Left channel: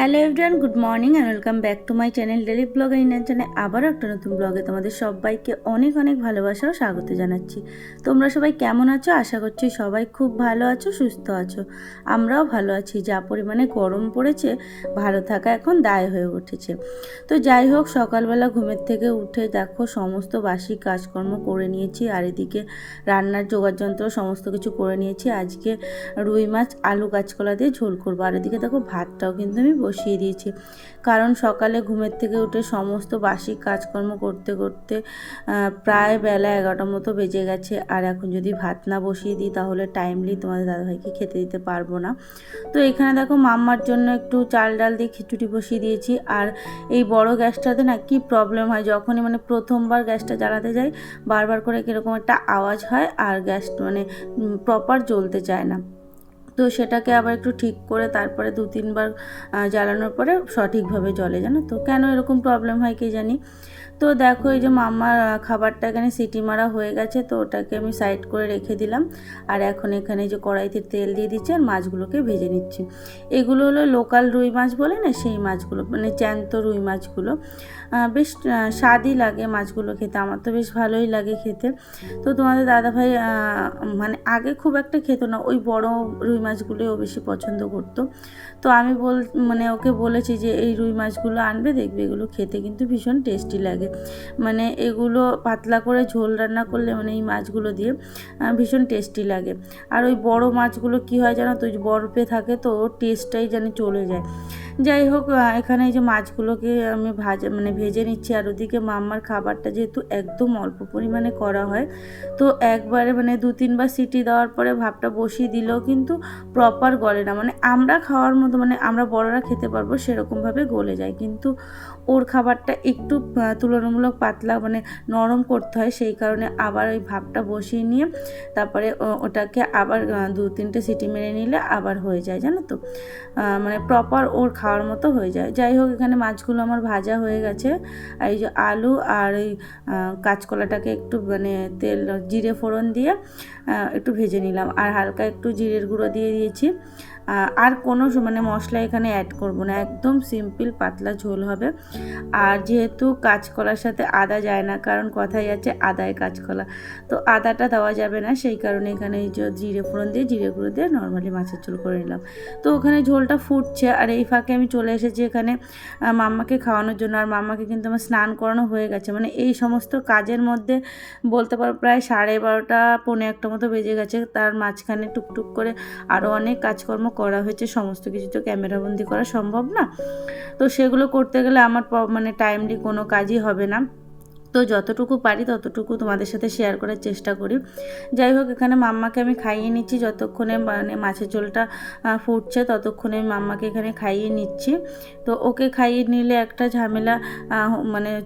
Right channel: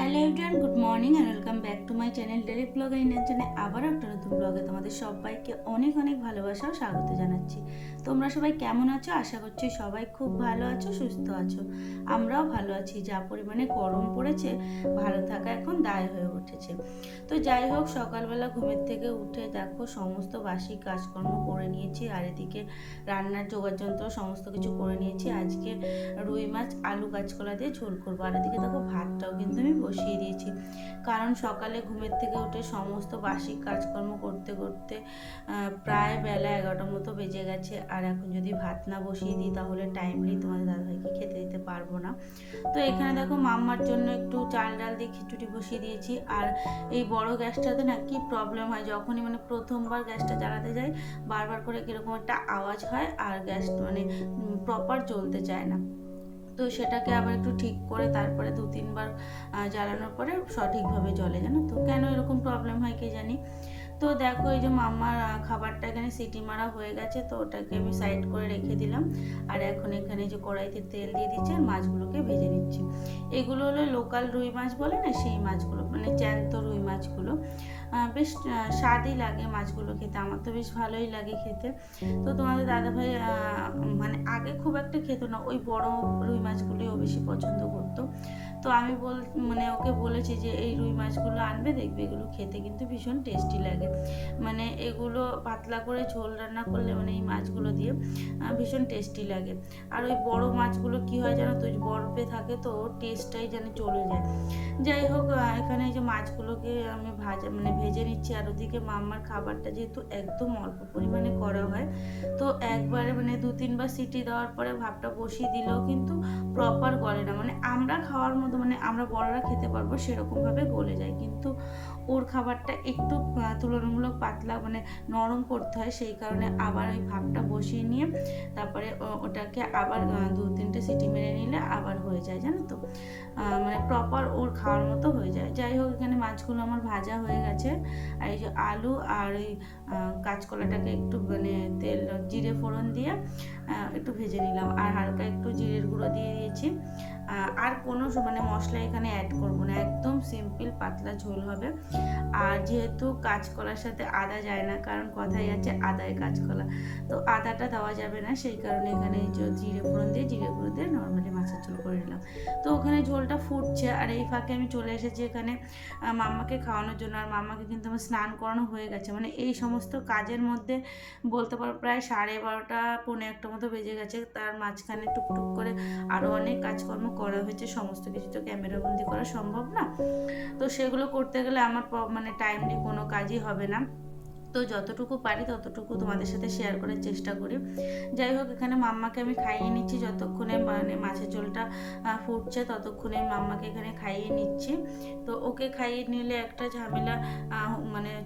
Hello everyone, good morning and welcome back to my channel daily blog Indian channel. আবারও একটা নতুন ব্লগে তোমাদের সবাইকে অনেক অনেক ভালোবাসা ও স্বাগত জানাচ্ছি। তোমরা সবাই কেমন আছো? আশা করছি সবাই খুব ভালো আছো, সুস্থ আছো। আমরাও ভালো আছি। যা পরিমাণে গরম পড়েছে, ভালো থাকা এখন দায় হয়ে উঠেছে। তো যাই হোক, সকালবেলা ঘুমের থেকে উঠে দেখো সমস্ত বাসি কাজকর্ম করে নিয়েছি, আর এদিকে রান্নার যোগাযন্ত্র সমস্ত কিছু করে নিয়েছি। আজকে রুই মাছ আলু কাঁচকলা দিয়ে ঝোল করবো। আর এদিকে দেখো ভাতটাও কিন্তু আমি বসিয়ে দিয়েছি, কারণ সকালে ঘুমের থেকে উঠে সমস্ত বাসি কাজকর্ম করতে করতে প্রায় বেলা 11টার মতো বেজে গেছে। আর এখন যদি ভাত না বসিয়ে দিই তাহলে টাইমলি তোমাদের দাদাভাইকে খেতে দিতে পারবো না। তো এখানে দেখো মাম্মার জন্য একটু চাল ডাল দিয়ে খিচুড়ি বসিয়ে দিয়েছি। আর এই বড় গ্যাসটাতে না কি প্রবলেম হয়, যখনই প্রথমবার গ্যাসটা জ্বালাতে যাই বারবার করে কীরকম একটা আওয়াজ হয়, আর গ্যাস প্রপার জ্বলতে চায় না। তো সেটাকে আবার একটু ঠিক করে তারপরে 2-3 বার জ্বালানোর পরে সঠিকভাবে জ্বলে, জানো তো কেন এরকম প্রবলেম হয় কে জানি। তো দেখো এই যে মাম্মার খাবারটা এখানে সিটি মারা হয়ে গেছে, তো ওটাকে আমি সাইড করে রেখে দিলাম। আর এখন এখানে যে কড়াইতে তেল দিয়ে দিচ্ছি আর মাছগুলোকে ভেজে নিচ্ছি। এগুলো হলো লোকাল রুই মাছ বলে না, সেই মাছগুলো, জ্যান্ত রুই মাছগুলো। বেশ স্বাদই লাগে মাছগুলো খেতে, আমার তো বেশ ভালোই লাগে খেতে। তো তোমাদের দাদাভাই আগে খুব একটা খেত না, ওই বড় রুই মাছগুলোই ও বেশি পছন্দ করতো। তো আমি ওকে বলেছি যে এই রুই মাছগুলো আনবে, দেখবে এগুলো খেতে কিন্তু ভীষণ টেস্টি লাগে। এগুলো পাতলা করে ঝোল রান্না করলে এই মাছগুলো দিয়ে ভীষণ টেস্টি লাগে। আর ওই বড় মাছগুলো কি হয় জানো তো, বরফে থাকে তো ওর টেস্টটাই যেন চলে যায়। যাই হোক, এখানে এই যে মাছগুলোকে আমি ভেজে নিচ্ছি। আর ওদিকে মাম্মার খাবারটা যেহেতু একদম অল্প পরিমাণে করা হয়, তো একবারে 2-3 বার সিটি দেওয়ার পরে ভাতটা বসিয়ে দিলেও কিন্তু প্রপার গলে না, আমরা খাওয়ার মতো আমরা বড়রা খেতে পারবো সেরকমভাবে গলে যায়, কিন্তু ওর খাবারটা একটু তুলনামূলক পাতলা নরম করতে হয়। সেই কারণে আবার ওই ভাতটা বসিয়ে নিয়ে তারপরে ওটাকে আবার 2-3টে সিটি মেরে নিলে আবার হয়ে যায়, জানো তো প্রপার ওর খাওয়ার মতো হয়ে যায়। যাই হোক, এখানে মাছগুলো আমার ভাজা হয়ে গেছে। আর এই যে আলু আর এই কাঁচকলাটাকে একটু তেল জিরে ফোড়ন দিয়ে একটু ভেজে নিলাম, আর হালকা একটু জিরের গুঁড়ো দিয়ে দিয়েছি। আর কোনো মশলা এখানে অ্যাড করব না, একদম সিম্পল পাতলা ঝোল হবে। আর যেহেতু কাঁচকলার সাথে আদা যায় না, কারণ কথাই আছে আদায় কাঁচকলা, তো আদাটা দেওয়া যাবে না, সেই কারণে এখানে এই যে জিরে ফোড়ন দিয়ে জিরে গুঁড়ো দিয়ে নর্মালি মাছের ঝোল করে নিলাম। তো ওখানে ঝোলটা ফুটছে, আর এই ফাঁকে আমি চলে এসেছি এখানে মাম্মাকে খাওয়ানোর জন্য। আর মাম্মাকে কিন্তু আমার স্নান করানো হয়ে গেছে, এই সমস্ত কাজের মধ্যে বলতে পারো প্রায় 12:30 পৌনে 1টা মতো বেজে গেছে। তার মাঝখানে টুকটুক করে আরও অনেক কাজকর্ম করা হয়েছে, সমস্ত কিছু তো ক্যামেরাবন্দি করা সম্ভব না। তো সেগুলো করতে গেলে আমার টাইমলি কোনো কাজই হবে না। তো যতটুকু পারি ততটুকু তোমাদের সাথে শেয়ার করার চেষ্টা করি। যাই হোক, এখানে মাম্মাকে আমি খাইয়ে নিচ্ছি, যতক্ষণে মাছের ঝোলটা ফুটছে ততক্ষণে আমি মাম্মাকে এখানে খাইয়ে নিচ্ছি। তো ওকে খাইয়ে নিলে একটা ঝামেলা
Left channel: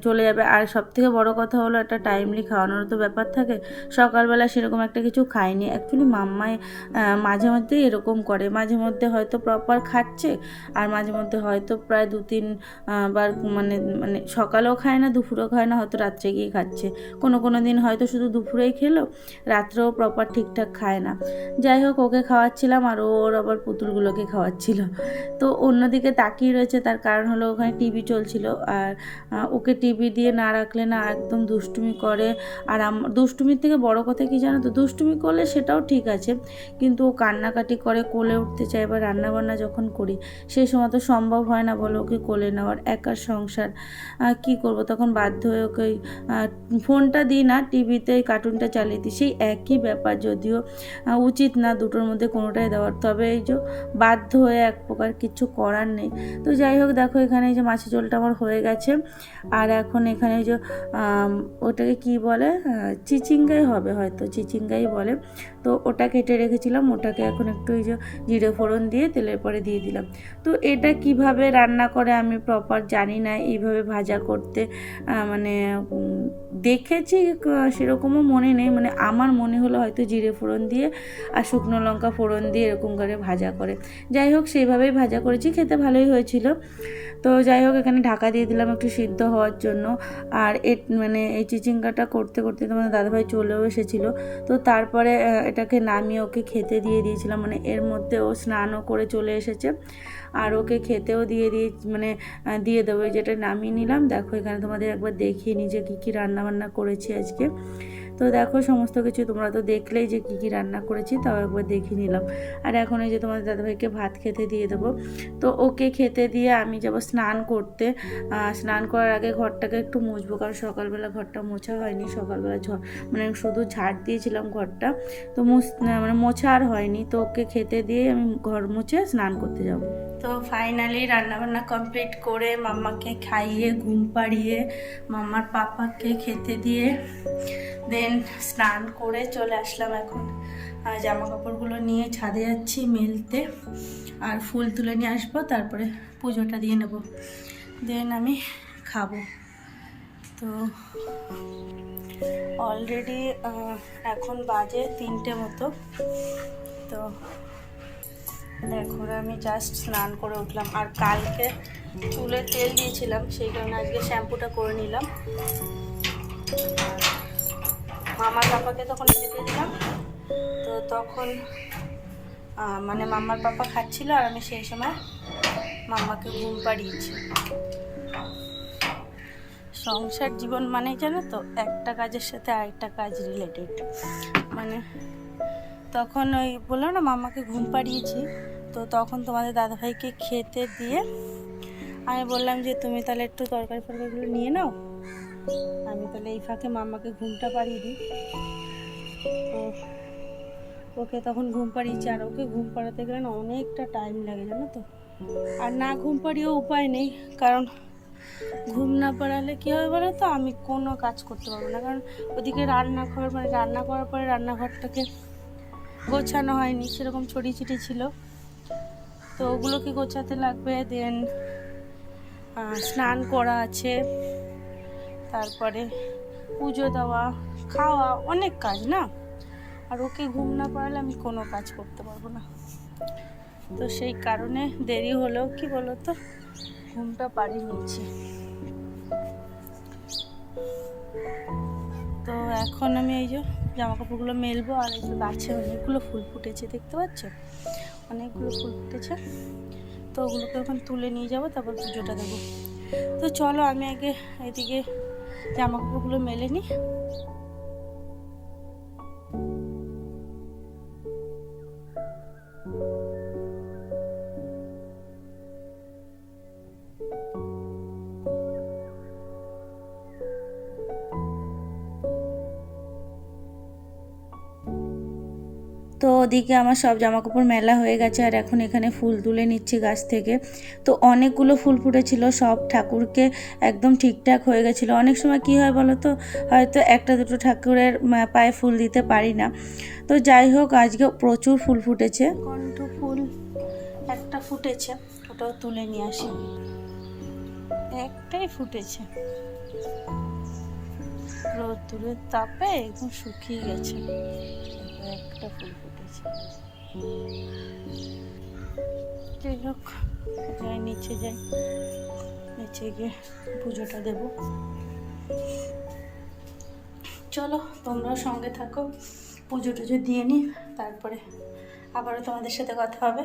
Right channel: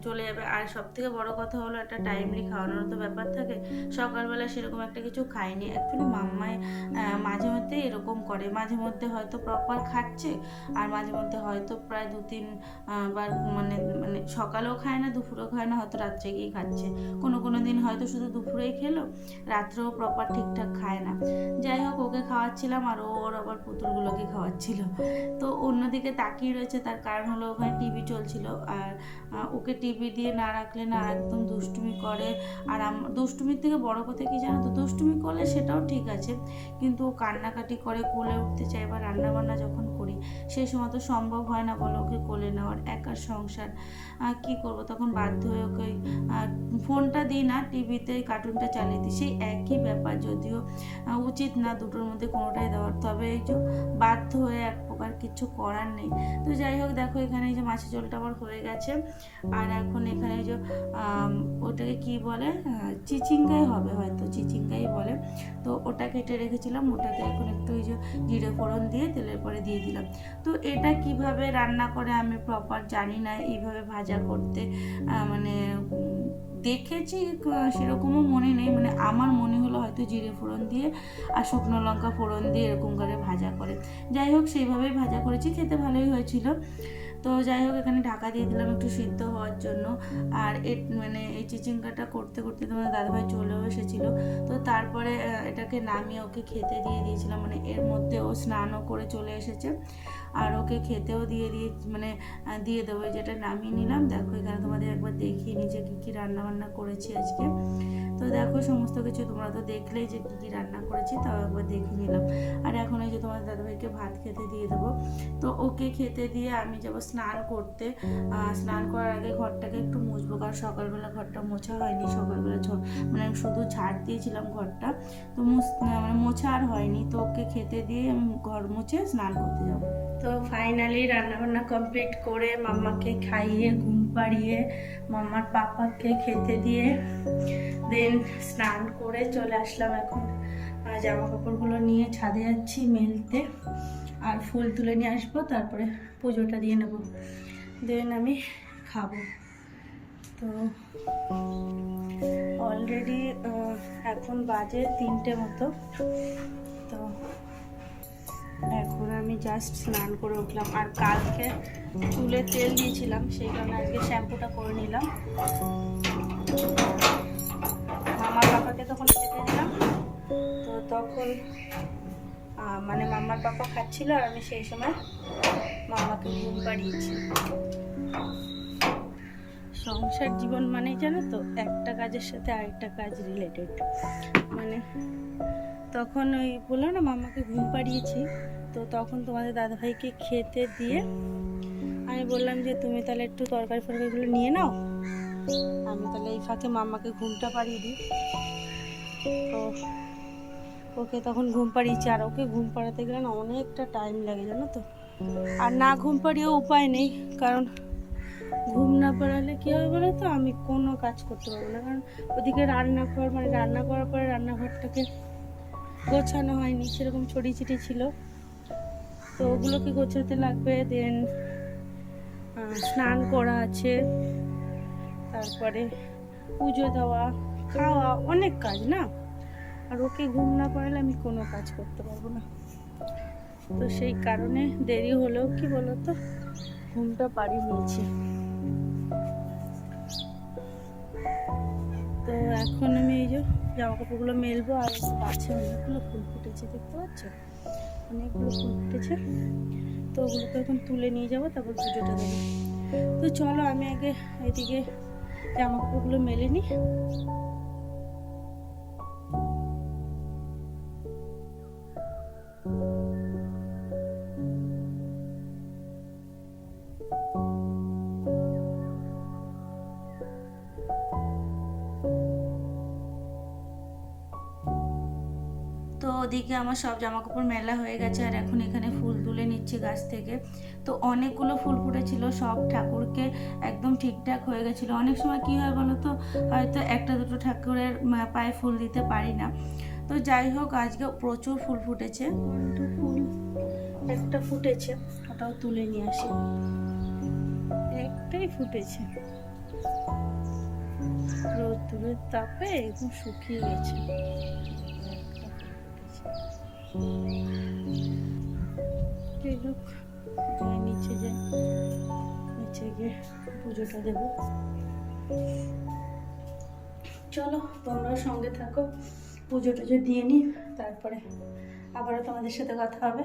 চলে যাবে। আর সবথেকে বড় কথা হলো একটা টাইমলি খাওয়ানোর তো ব্যাপার থাকে। সকালবেলা সেরকম একটা কিছু খাইনি অ্যাকচুয়ালি। মাম্মায় মাঝে মধ্যেই এরকম করে, মাঝে মধ্যে হয়তো প্রপার খাচ্ছে, আর মাঝে মধ্যে হয়তো প্রায় 2-3 বার সকালেও খায় না, দুপুরেও খায় না, হয়তো রাত্রে গিয়ে খাচ্ছে। কোনো দিন হয়তো শুধু দুপুরেই খেলো, রাত্রেও প্রপার ঠিকঠাক খায় না। যাই হোক, ওকে খাওয়াচ্ছিলাম আর ওর আবার পুতুলগুলোকে খাওয়াচ্ছিল। তো অন্যদিকে তাকিয়ে রয়েছে, তার কারণ হলো ওখানে টিভি চলছিল। আর ওকে টিভি দিয়ে না রাখলে না একদম দুষ্টুমি করে। আর দুষ্টুমির থেকে বড় কথা কি জানো তো, দুষ্টুমি করলে সেটাও ঠিক আছে, কিন্তু ও কান্নাকাটি করে, কোলে উঠতে চায়। এবার রান্নাবান্না যখন করি সেই সময় তো সম্ভব হয় না বলো ওকে কোলে নেওয়ার, একার সংসার কি করব, তখন বাধ্য হয়ে ওকে ফোনটা দিই না, টিভিতে কার্টুনটা চালিয়ে দিই, সেই একই ব্যাপার। যদিও উচিত না দুটোর মধ্যে কোনোটাই দেওয়ার, তবে এই যে বাধ্য হয়ে এক প্রকার, কিছু করার নেই। তো যাই হোক, দেখো এখানে এই যে মাছের ঝোলটা আমার হয়ে গেছে। আর এখন এখানে এই যে ওটাকে কি বলে, চিচিঙ্গাই হবে, হয়তো চিচিঙ্গাই বলে। তো ওটা কেটে রেখেছিলাম, ওটাকে এখন একটু এই যে জিরে ফোড়ন দিয়ে তেলের পরে দিয়ে দিলাম। তো এটা কিভাবে রান্না করে আমি প্রপার জানি না, এইভাবে ভাজা করতে দেখেছি, সেরকমও মনে নেই। আমার মনে হলো হয়তো জিরে ফোড়ন দিয়ে আর শুকনো লঙ্কা ফোড়ন দিয়ে এরকম করে ভাজা করে। যাই হোক, সেইভাবেই ভাজা করেছি, খেতে ভালোই হয়েছিল। তো যাই হোক, এখানে ঢাকা দিয়ে দিলাম একটু সিদ্ধ হওয়ার জন্য। আর এই চিচিঙ্গাটা করতে করতে তোমার দাদাভাই চলেও এসেছিলো। তো তারপরে এটাকে নামিয়ে ওকে খেতে দিয়ে দিয়েছিলাম, এর মধ্যে ও স্নানও করে চলে এসেছে। আর ওকে খেতেও মানে দিয়ে দেবো। যেটা নামিয়ে নিলাম, দেখো এখানে তোমাদের একবার দেখিয়ে নিই যে কী কী রান্নাবান্না করেছি আজকে। তো দেখো সমস্ত কিছু তোমরা তো দেখলেই যে কী কী রান্না করেছি, তাও একবার দেখিয়ে নিলাম। আর এখন এই যে তোমাদের দাদাভাইকে ভাত খেতে দিয়ে দেবো। তো ওকে খেতে দিয়ে আমি যাব স্নান করতে। স্নান করার আগে ঘরটাকে একটু মুছবো, কারণ সকালবেলা ঘরটা মোছা হয়নি। সকালবেলা মানে শুধু ঝাড় দিয়েছিলাম ঘরটা, তো মানে মোছা আর হয়নি। তো ওকে খেতে দিয়ে আমি ঘর মুছে স্নান করতে যাব। তো ফাইনালি রান্নাবান্না কমপ্লিট করে মাম্মাকে খাইয়ে ঘুম পাড়িয়ে মাম্মার পাপাকে খেতে দিয়ে দেন স্নান করে চলে আসলাম। এখন জামা কাপড়গুলো নিয়ে ছাদে যাচ্ছি মেলতে, আর ফুল তুলে নিয়ে আসবো, তারপরে পুজোটা দিয়ে নেব, দেন আমি খাবো। তো অলরেডি এখন বাজে 3টে মতো। তো এখন আমি জাস্ট স্নান করে উঠলাম, আর কালকে চুলে তেল দিয়েছিলাম, সেই কারণে আজকে শ্যাম্পুটা করে নিলাম। মামার পাপাকে তখন খেতে দিলাম, তো তখন মানে মামার পাপা খাচ্ছিল, আর আমি সেই সময় মামাকে ঘুম পাড়িয়েছি। সংসার জীবন মানে জানো তো, একটা কাজের সাথে আরেকটা কাজ রিলেটেড। মানে তখন ওই বললো না মামাকে ঘুম পাড়িয়েছি, তো তখন তোমাদের দাদাভাইকে খেতে দিয়ে আমি বললাম যে তুমি তাহলে একটু তরকারি ফরকারিগুলো নিয়ে নাও, আমি তাহলে এই ফাঁকে মামাকে ঘুমটা পাড়িয়ে দিই। তো ওকে তখন ঘুম পাড়িয়েছি, আর ওকে ঘুম পাড়াতে গেলে না অনেকটা টাইম লাগে জানো তো। আর না ঘুম পাড়িয়েও উপায় নেই, কারণ ঘুম না পাড়ালে কী হবে বলো তো, আমি কোনো কাজ করতে পারবো না। কারণ ওদিকে রান্নাঘর, মানে রান্না করার পরে রান্নাঘরটাকে গোছানো হয়নি, সেরকম ছড়িয়ে ছিটিয়ে ছিল, তো ওগুলোকে গোছাতে লাগবে। দেন স্নান করা আছে, তারপরে পুজো দেওয়া, খাওয়া, অনেক কাজ না। আর ওকে ঘুম না পাড়ালে আমি কোনো কাজ করতে পারবো না। তো সেই কারণে দেরি হলেও কি বলো তো, ঘুমটা পাড়িয়ে নিয়েছি। তো এখন আমি এই যে জামা কাপড়গুলো মেলবো, আর এই যে গাছে অনেকগুলো ফুল ফুটেছে, দেখতে পাচ্ছ অনেকগুলো ফুল ফুটেছে। তো ওগুলোকে এখন তুলে নিয়ে যাবো, তারপর পুজোটা দেবো। তো চলো আমি আগে এদিকে জামা কাপড়গুলো মেলে নিই। তো ওদিকে আমার সব জামাকাপড় মেলা হয়ে গেছে, আর এখন এখানে ফুল তুলে নিচ্ছি গাছ থেকে। তো অনেকগুলো ফুল ফুটেছিল, সব ঠাকুরকে একদম ঠিকঠাক হয়ে গেছিলো। অনেক সময় কি হয় বলো তো, হয়তো একটা দুটো ঠাকুরের পায়ে ফুল দিতে পারি না। তো যাই হোক, আজকে প্রচুর ফুল ফুটেছে। কণ্ঠ ফুল একটা ফুটেছে, ওটাও তুলে নিয়ে আসি। একটাই ফুটেছে, রোদ্দুরের তাপে একদম শুকিয়ে গেছে। একটা ফুল ফুটেছে। যাই হোক, যাই নিচে যাই, নিচে গিয়ে পুজোটা দেব। চলো তোমরাও সঙ্গে থাকো, পুজো টুজো দিয়ে নিই, তারপরে আবারও তোমাদের সাথে কথা হবে।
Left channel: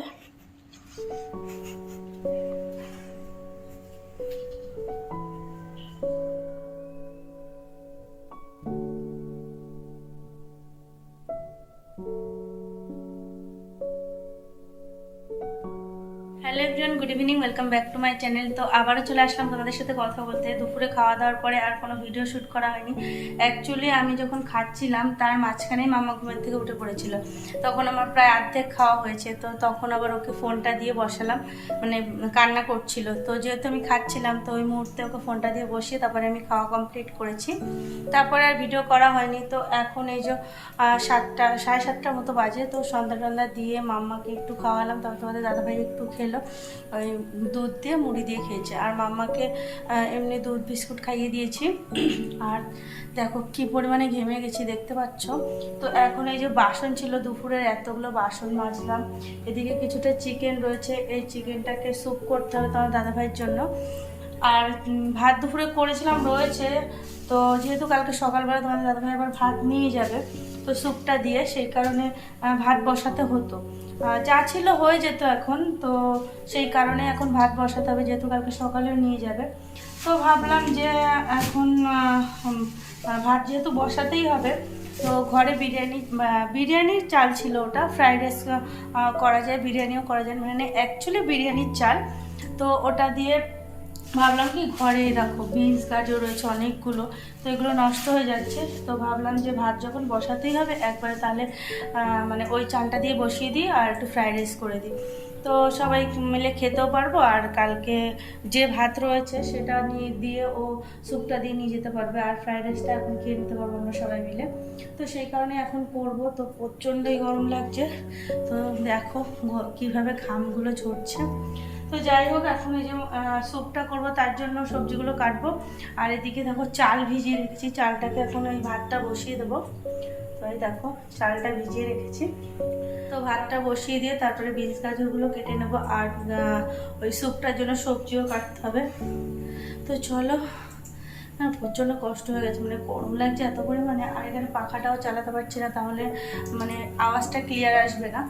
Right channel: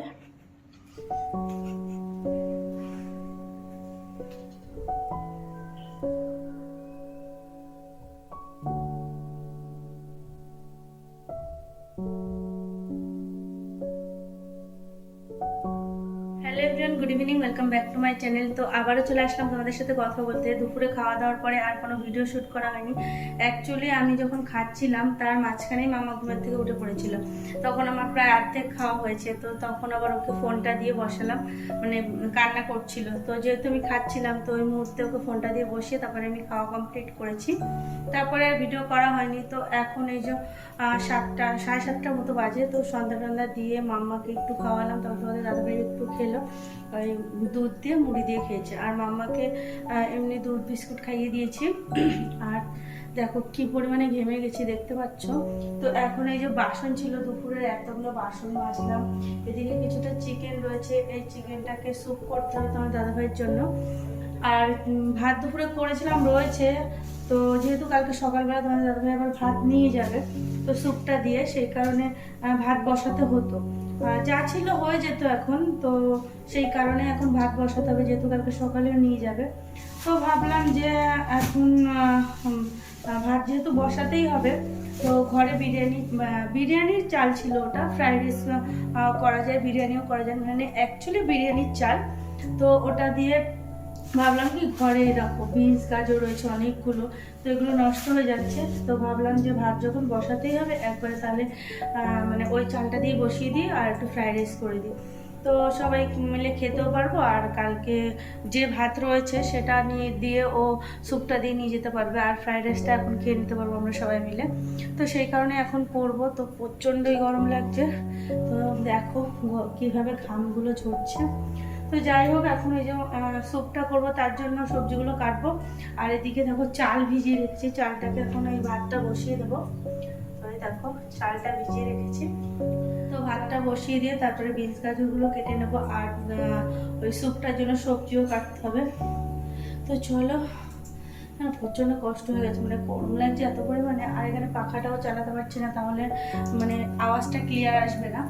Hello everyone, good evening, welcome back to my channel. তো আবারও চলে আসলাম তোমাদের সাথে কথা বলতে। দুপুরে খাওয়া দাওয়ার পরে আর কোনো ভিডিও শ্যুট করা হয়নি। অ্যাকচুয়ালি আমি যখন খাচ্ছিলাম তার মাঝখানেই মাম্মা ঘুমের থেকে উঠে পড়েছিল, তখন আমার প্রায় অর্ধেক খাওয়া হয়েছে। তো তখন আবার ওকে ফোনটা দিয়ে বসালাম, মানে কান্না করছিল। তো যেহেতু আমি খাচ্ছিলাম, তো ওই মুহূর্তে ওকে ফোনটা দিয়ে বসিয়ে তারপরে আমি খাওয়া কমপ্লিট করেছি, তারপরে আর ভিডিও করা হয়নি। তো এখন এই যে 7:30 মতো বাজে। তো সন্ধ্যা টন্ধা দিয়ে মাম্মাকে একটু খাওয়ালাম, তারপর তোমাদের দাদাভাই একটু খেলো, ওই দুধ দিয়ে মুড়ি দিয়ে খেয়েছে। আর মাম্মাকে এমনি দুধ বিস্কুট খাইয়ে দিয়েছি। আর দেখো কি পরিমাণে ঘেমে গেছি, দেখতে পাচ্ছ। তো এখন এই যে বাসন ছিল দুপুরের, এতগুলো বাসন মাজলাম। এদিকে কিছুটা চিকেন রয়েছে, এই চিকেনটাকে স্যুপ করতে হবে তোমার দাদাভাইয়ের জন্য। আর ভাত দুপুরে করেছিলাম রয়েছে, তো যেহেতু কালকে সকালবেলা তোমাদের দাদাভাই আবার ভাত নিয়ে যাবে, তো তো স্যুপটা দিয়ে, সেই কারণে ভাত বসাতে হতো। যা ছিল হয়ে যেত এখন, তো সেই কারণে এখন ভাত বসাতে হবে, যেহেতু কালকে সকালেও নিয়ে যাবে। তো ভাবলাম যে এখন ভাত যেহেতু বসাতেই হবে, তো ঘরে বিরিয়ানির চাল ছিল, ওটা ফ্রাইড রাইস করা যায়, বিরিয়ানিও করা যায়, মানে অ্যাকচুয়ালি বিরিয়ানির চাল। তো ওটা দিয়ে ভাবলাম কি ঘরেই রাখো, বিনস গাজর রয়েছে অনেকগুলো, তো এগুলো নষ্ট হয়ে যাচ্ছে। তো ভাবলাম যে ভাত যখন বসাতেই হবে একবারে, তাহলে মানে ওই চালটা দিয়ে বসিয়ে দিই আর একটু ফ্রাইড রাইস করে দিই, তো সবাই মিলে খেতেও পারবো। আর কালকে যে ভাত রয়েছে সেটা দিয়ে ও স্যুপটা দিয়ে নিয়ে যেতে পারবে, আর ফ্রাইড রাইসটা এখন খেয়ে নিতে পারবো আমরা সবাই মিলে। তো সেই কারণে এখন করবো। তো প্রচণ্ডই গরম লাগছে, তো দেখো কীভাবে ঘামগুলো ঝরছে। তো যাই হোক, এখন এই যে স্যুপটা করবো তার জন্য সবজিগুলো কাটবো, আর এদিকে দেখো চাল ভিজিয়ে রেখেছি, চালটাকে এখন এই ভাতটা বসিয়ে দেবো। তো এই দেখো চালটা ভিজিয়ে রেখেছি, তো ভাতটা বসিয়ে দিয়ে তারপরে বিনস গাজরগুলো কেটে নেবো, আর ওই স্যুপটার জন্য সবজিও কাটতে হবে। তো চলো, প্রচণ্ড কষ্ট হয়ে গেছে, মানে গরম লাগছে এত পরিমাণে, আর এখানে পাখাটাও চালাতে পারছি না, তাহলে মানে আওয়াজটা ক্লিয়ার আসবে না।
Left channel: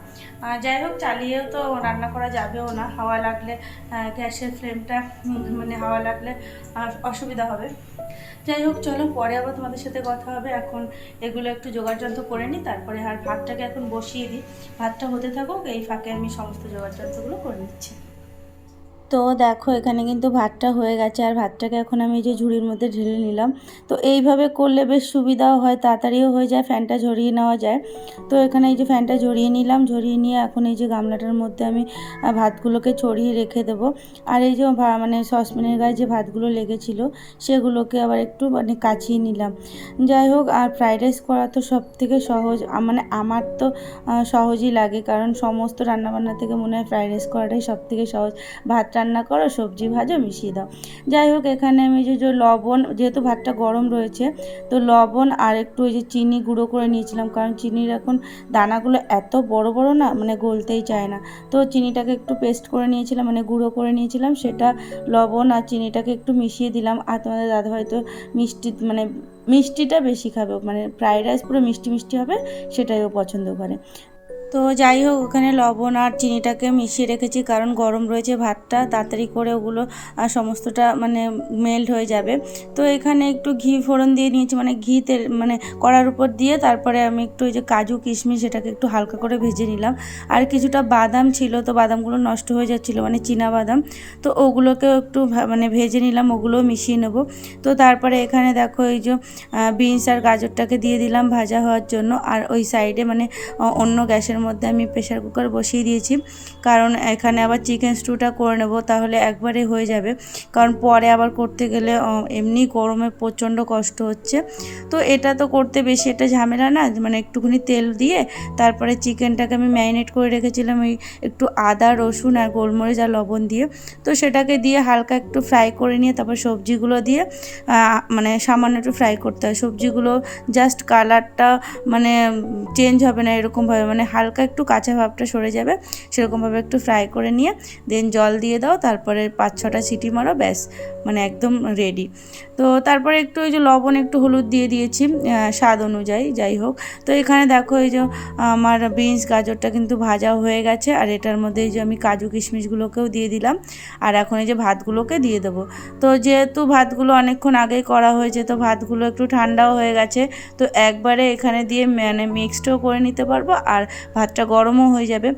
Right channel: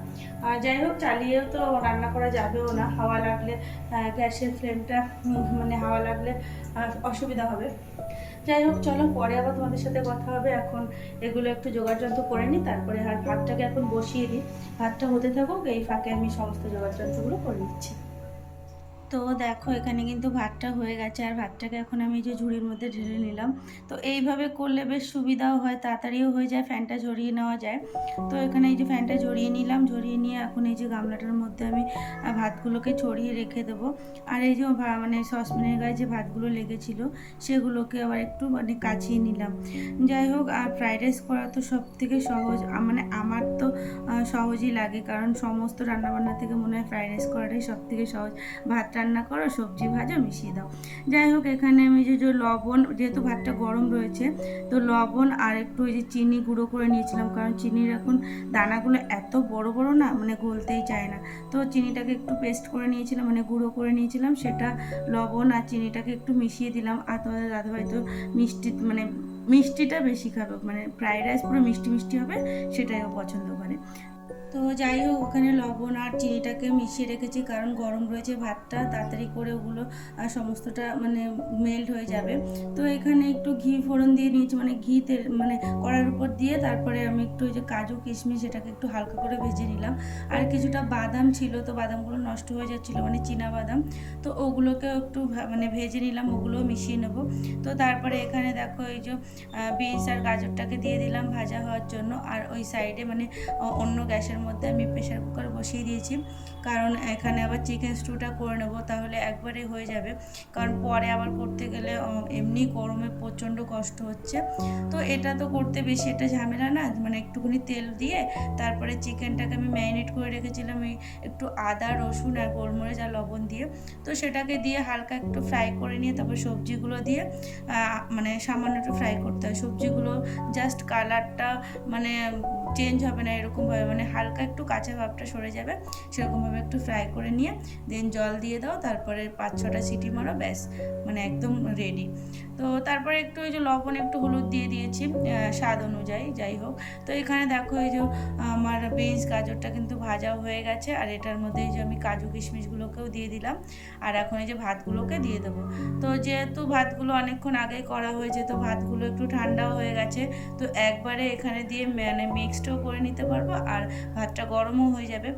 যাই হোক, চালিয়েও তো রান্না করা যাবেও না, হাওয়া লাগলে গ্যাসের ফ্লেমটা মানে হাওয়া লাগলে অসুবিধা হবে। যাই হোক চলো, পরে আবার তোমাদের সাথে কথা হবে। এখন এগুলো একটু জোগাড়যন্ত্র করে নিই, তারপরে আর ভাতটাকে এখন বসিয়ে দিই, ভাতটা হতে থাকুক, এই ফাঁকে আমি সমস্ত জোগাড়যন্ত্রগুলো করে নিচ্ছি। তো দেখো এখানে কিন্তু ভাতটা হয়ে গেছে, আর ভাতটাকে এখন আমি এই যে ঝুড়ির মধ্যে ঢেলে নিলাম। তো এইভাবে করলে বেশ সুবিধাও হয়, তাড়াতাড়িও হয়ে যায়, ফ্যানটা ঝরিয়ে নেওয়া যায়। তো এখানে এই যে ফ্যানটা ঝরিয়ে নিলাম, ঝরিয়ে নিয়ে এখন এই যে গামলাটার মধ্যে আমি ভাতগুলোকে ছড়িয়ে রেখে দেবো। আর এই যে মানে সসপ্যানের গায়ে যে ভাতগুলো লেগেছিলো সেগুলোকে আবার একটু মানে কাচিয়ে নিলাম। যাই হোক, আর ফ্রাইড রাইস করা তো সব থেকে সহজ, মানে আমার তো সহজই লাগে, কারণ সমস্ত রান্নাবান্না থেকে মনে হয় ফ্রাইড রাইস করাটাই সব থেকে সহজ। ভাত রান্না করো, সবজি ভাজো, মিশিয়ে দাও। যাই হোক, এখানে আমি যে লবণ, যেহেতু ভাতটা গরম রয়েছে, তো লবণ আর একটু ওই যে চিনি গুঁড়ো করে নিয়েছিলাম, কারণ চিনির এখন দানাগুলো এত বড় বড় না, মানে গলতেই চায় না। তো চিনিটাকে একটু পেস্ট করে নিয়েছিলাম, মানে গুঁড়ো করে নিয়েছিলাম, সেটা লবণ আর চিনিটাকে একটু মিশিয়ে দিলাম। আর তোমাদের দাদাভাই তো মানে মিষ্টিটা বেশি খাবে, মানে ফ্রাইড রাইস পুরো মিষ্টি মিষ্টি হবে, সেটাই ও পছন্দ করে। তো যাই হোক, ওখানে লবণ আর চিনিটাকে মিশিয়ে রেখেছি, কারণ গরম রয়েছে ভাতটা, তাড়াতাড়ি করে ওগুলো সমস্তটা মানে মেল্ট হয়ে যাবে। তো এখানে একটু ঘি ফোড়ন দিয়ে নিয়েছি, মানে ঘি তেল মানে কড়ার উপর দিয়ে, তারপরে আমি একটু ওই যে কাজু কিশমিশ এটাকে একটু হালকা করে ভেজে নিলাম। আর কিছুটা বাদাম ছিল, তো বাদামগুলো নষ্ট হয়ে যাচ্ছিলো, মানে চীনা বাদাম, তো ওগুলোকেও একটু মানে ভেজে নিলাম, ওগুলোও মিশিয়ে নেব। তো তারপরে এখানে দেখো এই যে বিনস আর গাজরটাকে দিয়ে দিলাম ভাজা হওয়ার জন্য। আর ওই সাইডে মানে অন্য গ্যাসের মধ্যে আমি প্রেশার কুকার বসিয়ে দিয়েছি, কারণ এখানে আবার চিকেন স্টুটা করে নেব, তাহলে একবারে হয়ে যাবে, কারণ পরে আবার করতে গেলে এমনি গরমে প্রচণ্ড কষ্ট হচ্ছে। তো এটা তো করতে বেশি এটা ঝামেলা না, মানে একটুখানি তেল দিয়ে তারপরে চিকেনটাকে আমি ম্যারিনেট করে রেখেছিলাম ওই একটু আদা রসুন আর গোলমরিচ আর লবণ দিয়ে, তো সেটাকে দিয়ে হালকা একটু ফ্রাই করে নিয়ে তারপর সবজিগুলো দিয়ে মানে সামান্য একটু ফ্রাই করতে হয়। সবজিগুলো জাস্ট কালারটা মানে চেঞ্জ হবে না এরকমভাবে, মানে হালকা একটু কাঁচা ভাবটা সরে যাবে, সেরকমভাবে একটু ফ্রাই করে নিয়ে দেন জল দিয়ে দাও, তারপরে 5-6টা সিটি মারো, ব্যাস মানে একদম রেডি। তো তারপরে একটু ওই যে লবণ একটু হলুদ দিয়ে দিয়েছি স্বাদ অনুযায়ী। যাই হোক, তো এখানে দেখো এই যে আমার বিনস গাজরটা কিন্তু ভাজা হয়ে গেছে, আর এটার মধ্যে এই যে আমি কাজু কিশমিশগুলোকেও দিয়ে দিলাম, আর এখন এই যে ভাতগুলোকে দিয়ে দেবো। তো যেহেতু ভাতগুলো অনেকক্ষণ আগেই করা হয়েছে, তো ভাতগুলো একটু ঠান্ডাও হয়ে গেছে, তো একবারে এখানে দিয়ে মানে মিক্সডও করে নিতে পারবো, আর ভাতটা গরমও হয়ে যাবে।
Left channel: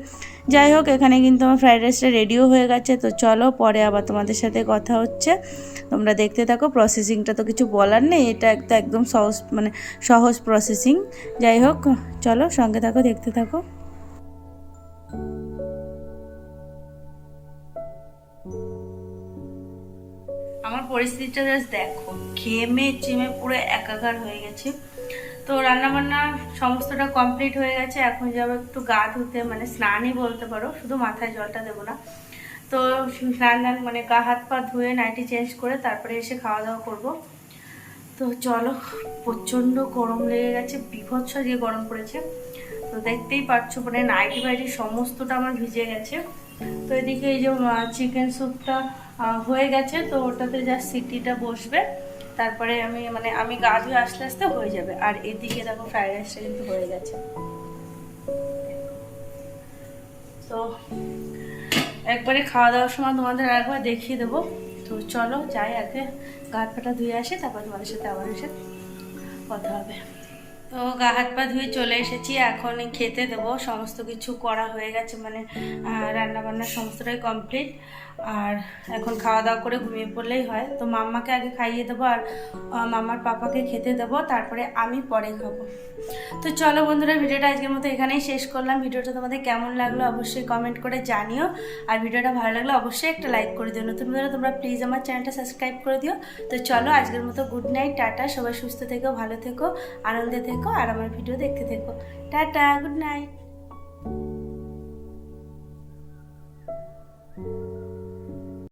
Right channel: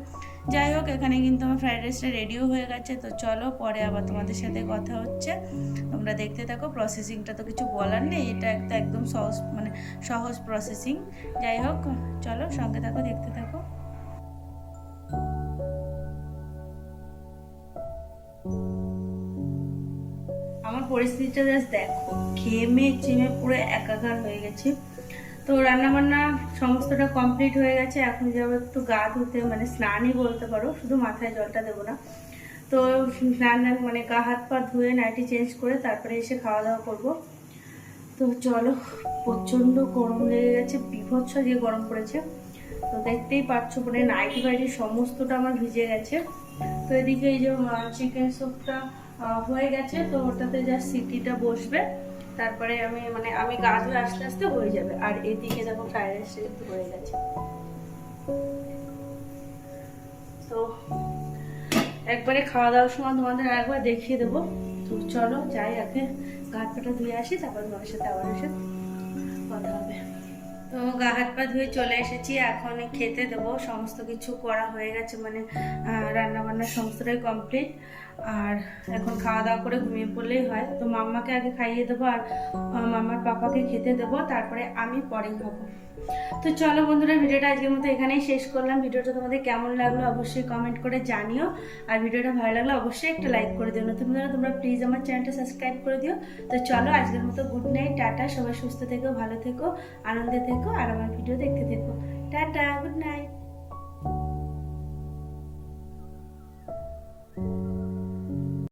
যাই হোক, এখানে কিন্তু আমার ফ্রাইড রাইসটা রেডিও হয়ে গেছে। তো চলো, পরে আবার তোমাদের সাথে কথা হচ্ছে, তোমরা দেখতে থাকো। প্রসেসিংটা তো কিছু বলার নেই, এটা একটা একদম সহজ মানে সহজ প্রসেসিং। যাই হোক, চলো সঙ্গে থাকো, দেখতে থাকো। আমার পরিস্থিতিটা জাস্ট দেখো, ঘেমে চেমে পুরো একাকার হয়ে গেছে। তো রান্নাবান্না সমস্তটা কমপ্লিট হয়ে গেছে, এখন যাবো একটু গা ধুতে, মানে স্নানই বলতে পারো, শুধু মাথায় জলটা দেবো না। তো স্নান মানে গা হাত পা ধুয়ে নাইটি চেঞ্জ করে তারপরে এসে খাওয়া দাওয়া করবো। তো চলো, প্রচণ্ড গরম লেগে গেছে, বীভৎস দিয়ে গরম পড়েছে। তো দেখতেই পাচ্ছ, মানে নাইটি বাইটি সমস্তটা আমার ভিজে গেছে। তো এদিকে এই যে চিকেন স্যুপটা হয়ে গেছে, তো ওটাতে জাস্ট সিটিটা বসবে, তারপরে আমি গা ধুয়ে আস্তে আস্তে হয়ে যাবে। আর এদিকে দেখো ফ্রাইড রাইসটা কিন্তু হয়ে গেছে। তো একবারে খাওয়া দাওয়ার সময় তোমাদের আরেকবার দেখিয়ে দেবো। তো চলো যাই, আগে গা হাত পাটা ধুয়ে আসি, তারপর তোমাদের সাথে আবার এসে কথা হবে। তো গা হাত পা ধুয়ে চলে এসেছি, এখন খেতে দেবো। সমস্ত কিছু করা হয়ে গেছে, রান্না বান্না সমস্তটাই কমপ্লিট। আর এখন খাওয়া দাওয়া করে ঘুমিয়ে পড়লেই হয়। তো মাম্মাকে আগে খাইয়ে দেবো, আর মাম্মার পাপাকে খেতে দেবো, তারপরে আমি পরে খাবো। তো চলো বন্ধুরা, ভিডিওটা আজকের মতো এখানেই শেষ করলাম। ভিডিওটা তোমাদের কেমন লাগলো অবশ্যই কমেন্ট করে জানিও, আর ভিডিওটা ভালো লাগলে অবশ্যই একটা লাইক করে দিও। নতুন বন্ধুরা তোমরা প্লিজ আমার চ্যানেলটা সাবস্ক্রাইব করে দিও। তো চলো আজকের মতো গুড নাইট, টাটা। সবাই সুস্থ থেকো, ভালো থেকো, আনন্দে থেকো, আর আমার ভিডিও দেখতে থেকো। Tata, good night.